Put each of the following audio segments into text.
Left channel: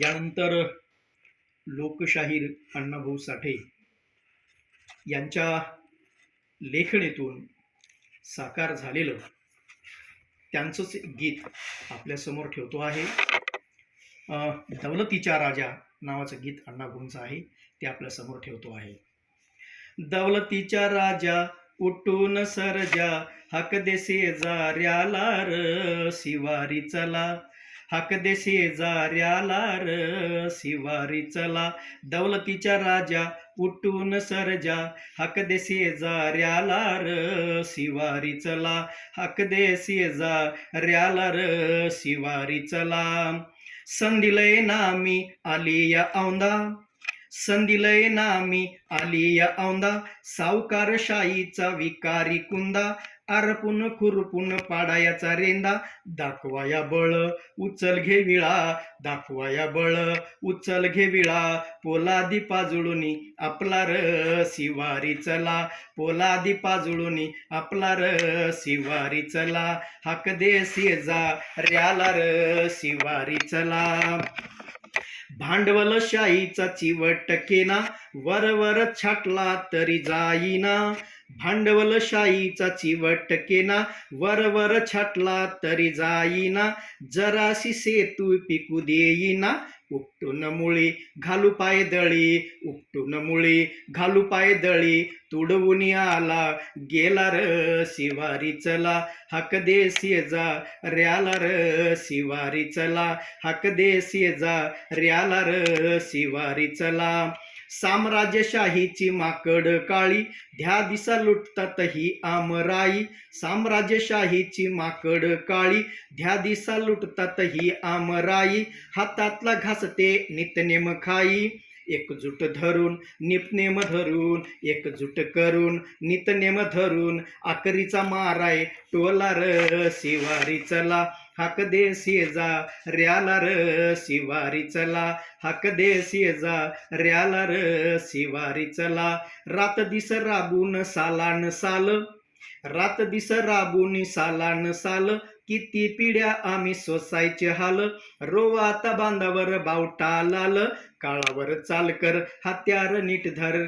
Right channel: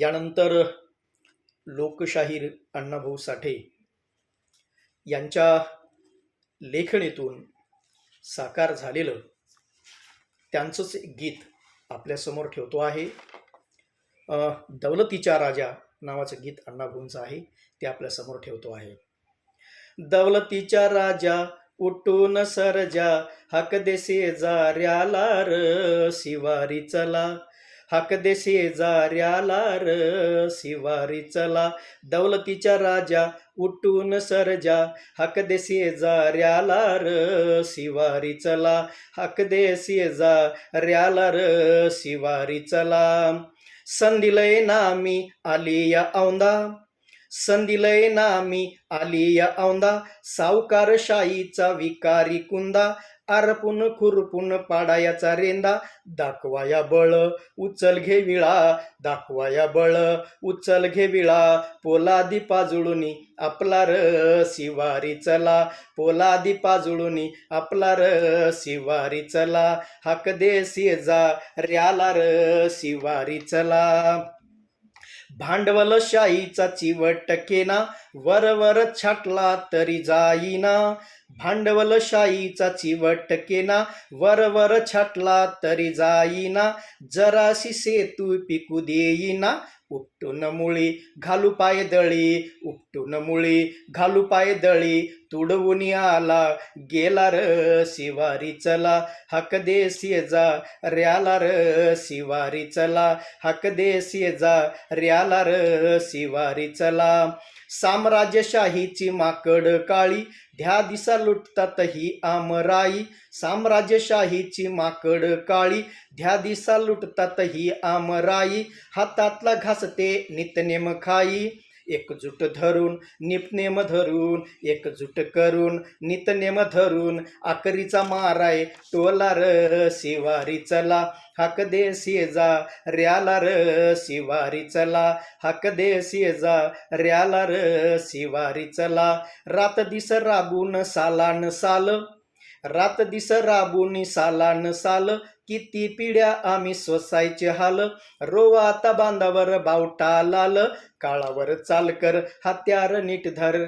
यानंतर लोकशाहीर अण्णाभाऊ साठे यांच्या लेखणीतून साकार झालेलं त्यांचंच गीत आपल्यासमोर ठेवतो आहे. दौलतीचा राजा नावाचं गीत अण्णाभाऊंचं आहे, ते आपल्यासमोर ठेवतो आहे. दौलतीचा राजा उठून सरजा, हाक दे शेजाऱ्याला र शिवारी चला, हाक दे शेजाऱ्याला र शिवारी चला. दौलतीचा राजा उठून सरजा, हाक दे शेजाऱ्याला र शिवारी चला, हाक दे शेजाऱ्याला र शिवारी चला. संधीलय नामी आली या औंधा, संधीलय नामी आली या औंधा, सावकारशाहीचा विकारी कुंदा, आरपून खुरपून पाडायाचा रेंदा. दाखवाया बळ उचल घे विळा, दाखवाया बळ उचल घे विळा, पोलादी पाजुळूनी आपला र शिवारी चला, पोलादी पाजुळूनी आपला र शिवारी चला, हाक दे शेजाऱ्याला र शिवारी चला. भांडवलशाहीचा चिवट केना, वरवर छाटला तरी जाईना, भांडवलशाहीचा चिवट केना, वरवर छाटला तरी जाईना, जराशी सेतू पिकू देईना, उपटून मुळी घालू पाय दळी, उपटून मुळी घालू पाय दळी, तुडवून आला गेला र शिवारी चला, हाक दे शेजाऱ्याला र शिवारी चला, हाक दे शेजाऱ्याला र शिवारी चला. साम्राज्यशाहीची माकड काळी, ध्या दिसा लुटतात ही आमराई, साम्राज्यशाहीची माकड काळी, ध्या दिसा लुटतात ही आमराई, हातातला घासते नितनेम खाई, एकजूट धरून निपनेम धरून, एकजूट करून नितनेम धरून, आकरीचा माराय टोला र शिवारी चला, हाक दे शेजाऱ्याला र शिवारी चला, हाक दे शेजाऱ्याला र शिवारी चला. रात दिस राबून सालान साल, रात दिस राबून सालान साल, किती पिढ्या आम्ही सोसायचे हाल, रोवा आता बांधावर बावटा लाल, काळावर चाल कर हत्यार नीट धर,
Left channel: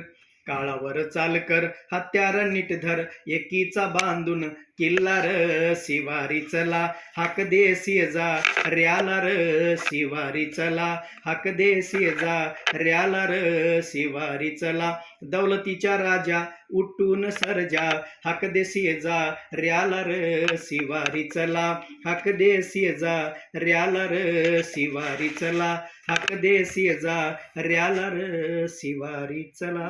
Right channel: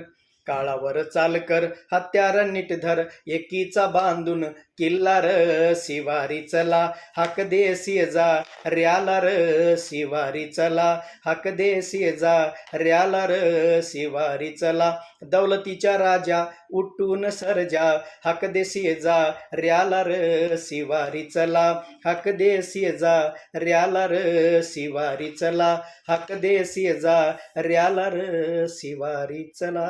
काळावर चाल कर हत्यार नीट धर, एकीचा बांधून किल्ला र शिवारी चला, हाक दे शेजाऱ्याला र शिवारी चला, हाक दे शेजाऱ्याला र शिवारी चला. दौलतीचा राजा उठून सरजा, हाक दे शेजाऱ्याला र शिवारी चला, हाक दे शेजाऱ्याला र शिवारी चला, हाक दे शेजाऱ्याला र शिवारी चला.